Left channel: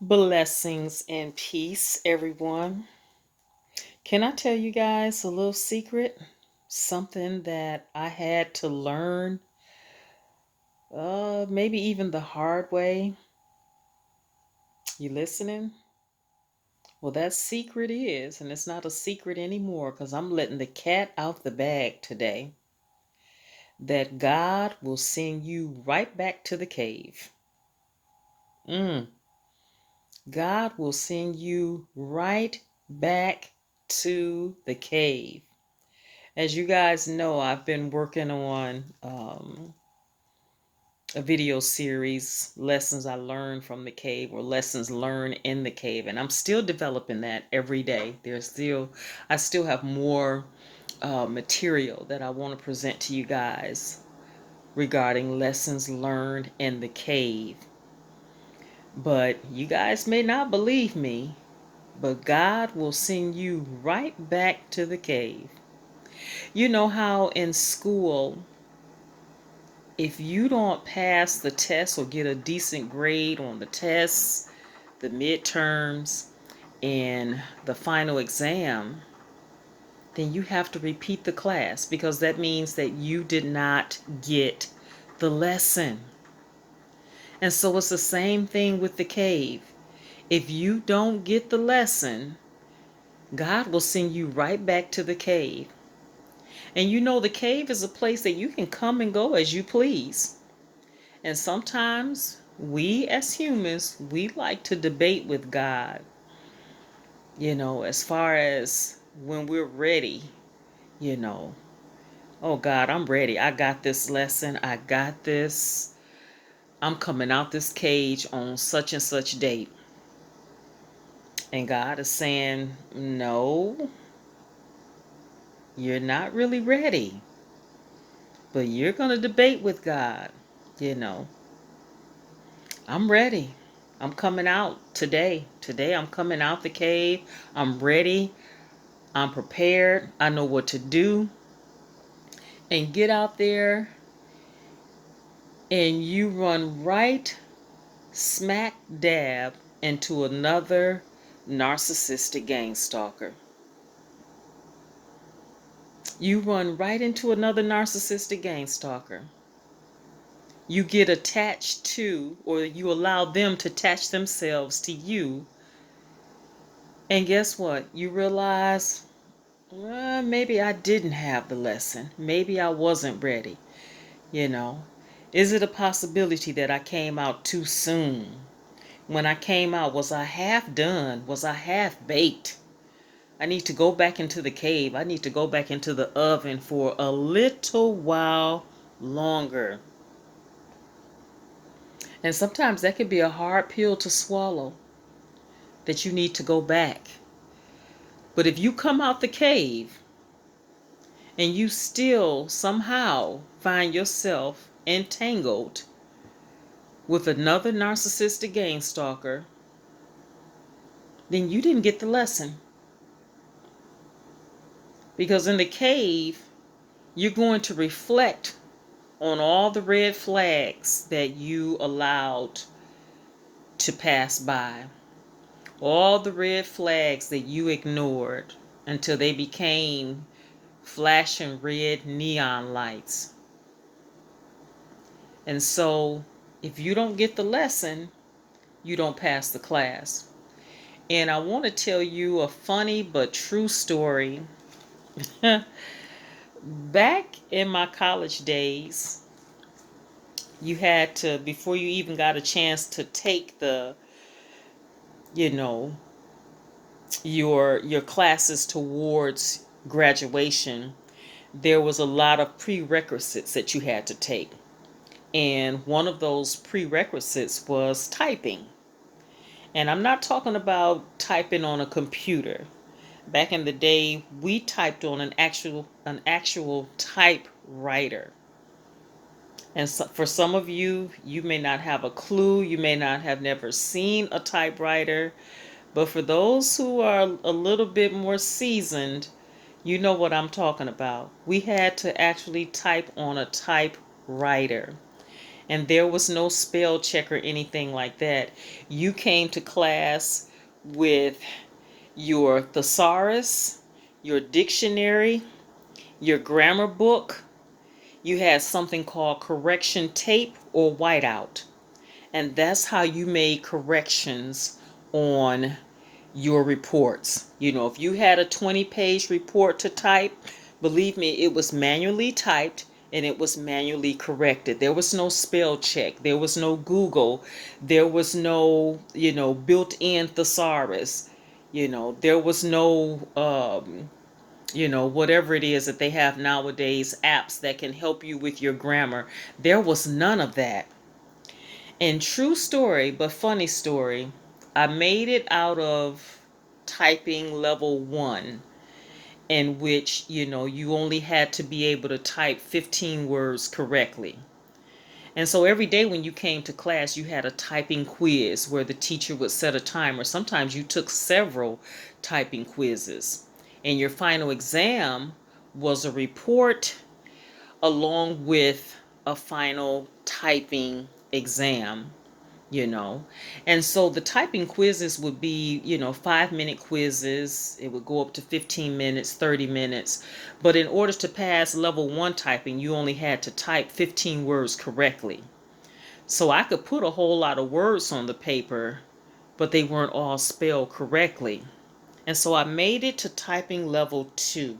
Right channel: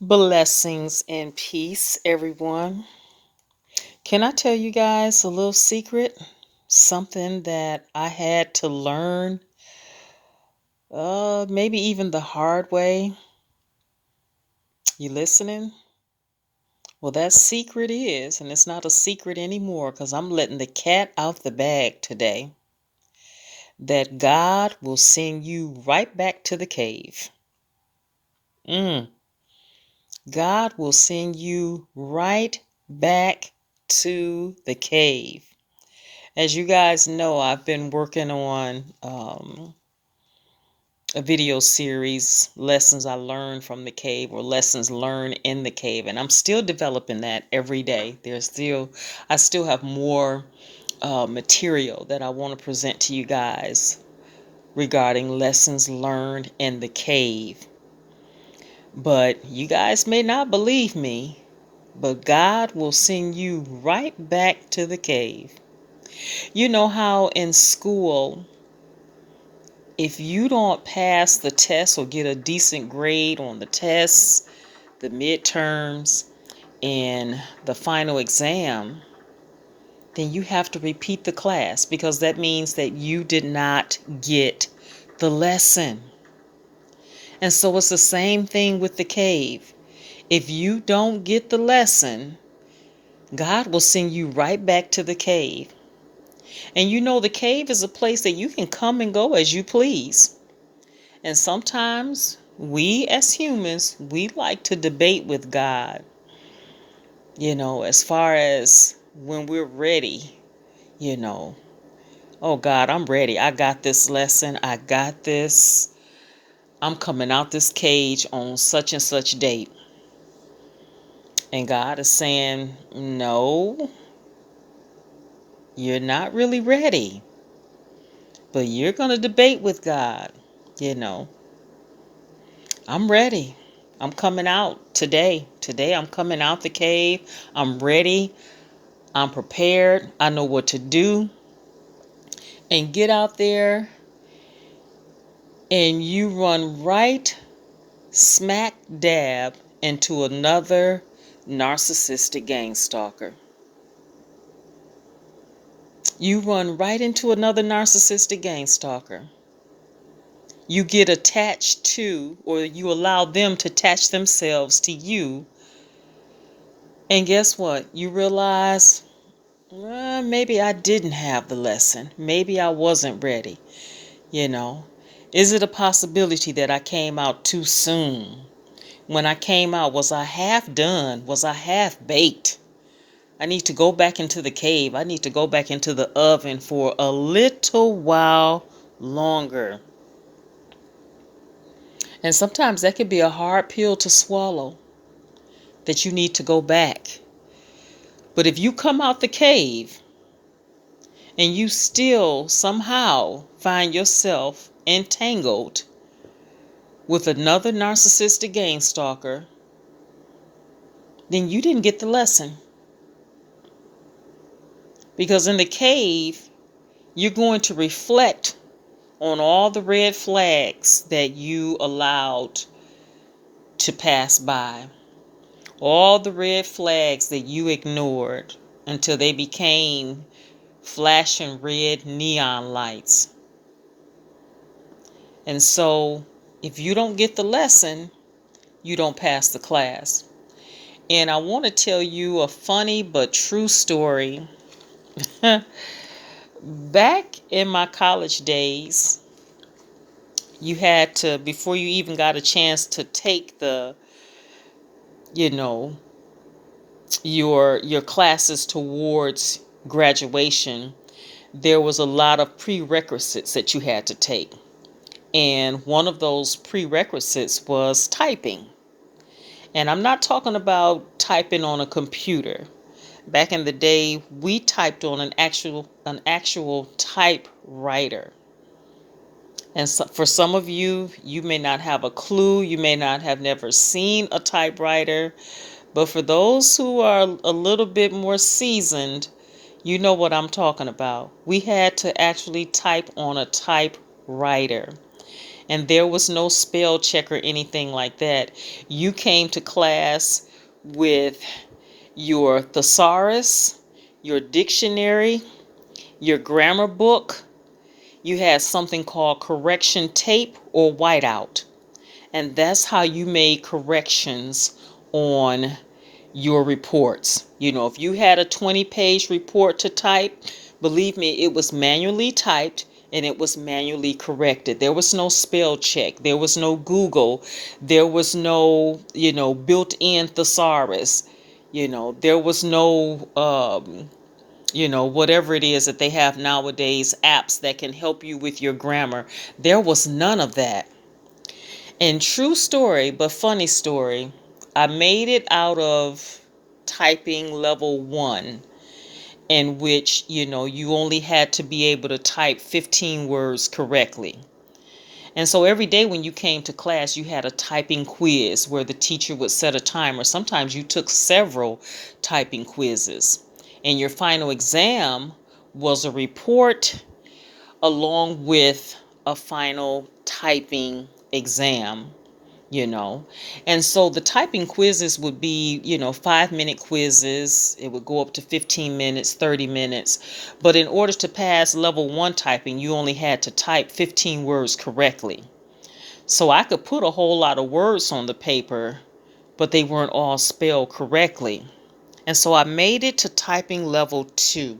Blessings and peace, everyone. Can I tell you guys a little secret? Something that I had to learn, maybe even the hard way. You listening? Well, that secret is, and it's not a secret anymore because I'm letting the cat out the bag today, that God will send you right back to the cave. Mm, God will send you right back to the cave. As you guys know, I've been working on a video series, Lessons I Learned from the Cave or Lessons Learned in the Cave. And I'm still developing that every day. I still have more material that I want to present to you guys regarding lessons learned in the cave. But you guys may not believe me, but God will send you right back to the cave. You know how in school, if you don't pass the test or get a decent grade on the tests, the midterms, and the final exam, then you have to repeat the class because that means that you did not get the lesson. And so it's the same thing with the cave. If you don't get the lesson, God will send you right back to the cave. And you know, the cave is a place that you can come and go as you please. And sometimes we as humans, we like to debate with God, as far as when we're ready, you know. Oh God, I'm ready. I got this lesson. I got this. I'm coming out this cage on such and such date. And God is saying, no, you're not really ready. But you're going to debate with God, you know. I'm ready. I'm coming out today. Today I'm coming out the cave. I'm ready. I'm prepared. I know what to do. And get out there and you run right smack dab into another narcissistic gang stalker. You run right into another narcissistic gang stalker. You get attached to, or you allow them to attach themselves to you. And guess what? You realize, well, maybe I didn't have the lesson. Maybe I wasn't ready. You know, is it a possibility that I came out too soon? When I came out, was I half done? Was I half baked? I need to go back into the cave. I need to go back into the oven for a little while longer. And sometimes that could be a hard pill to swallow, that you need to go back. But if you come out the cave and you still somehow find yourself entangled with another narcissistic gang stalker, then you didn't get the lesson. Because in the cave, you're going to reflect on all the red flags that you allowed to pass by, all the red flags that you ignored until they became flashing red neon lights. And so, if you don't get the lesson, you don't pass the class. And I want to tell you a funny but true story. Back in my college days, you had to, before you even got a chance to take the, you know, your classes towards graduation, there was a lot of prerequisites that you had to take. And one of those prerequisites was typing. And I'm not talking about typing on a computer. Back in the day, we typed on an actual typewriter. And so for some of you, you may not have a clue. You may not have never seen a typewriter. But for those who are a little bit more seasoned, you know what I'm talking about. We had to actually type on a typewriter. And there was no spell check or anything like that. You came to class with your thesaurus, your dictionary, your grammar book. You had something called correction tape or whiteout. And that's how you made corrections on your reports. If you had a 20-page report to type, believe me, it was manually typed and it was manually corrected. There was no spell check. There was no Google. There was no, built-in thesaurus. There was no, whatever it is that they have nowadays, apps that can help you with your grammar. There was none of that. And true story, but funny story, I made it out of typing level 1, in which, you only had to be able to type 15 words correctly. And so every day when you came to class, you had a typing quiz where the teacher would set a timer. Sometimes you took several typing quizzes. And your final exam was a report along with a final typing exam. And so the typing quizzes would be 5-minute quizzes. It would go up to 15 minutes, 30 minutes. But in order to pass level 1 typing, you only had to type 15 words correctly. So I could put a whole lot of words on the paper, but they weren't all spelled correctly. And so I made it to typing level 2.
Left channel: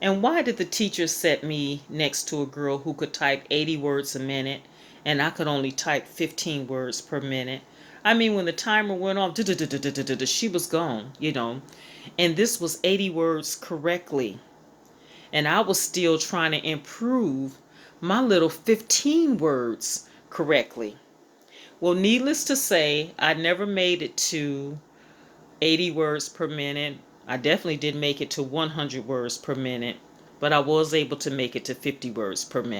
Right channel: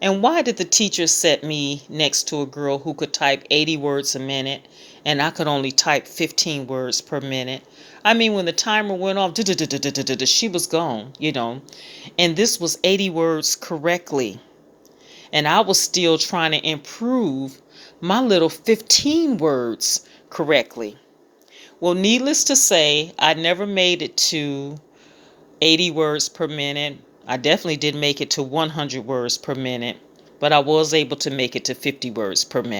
And why did the teacher set me next to a girl who could type 80 words a minute and I could only type 15 words per minute? I mean, when the timer went off, she was gone, And this was 80 words correctly. And I was still trying to improve my little 15 words correctly. Well, needless to say, I never made it to 80 words per minute. I definitely didn't make it to 100 words per minute, but I was able to make it to 50 words per minute.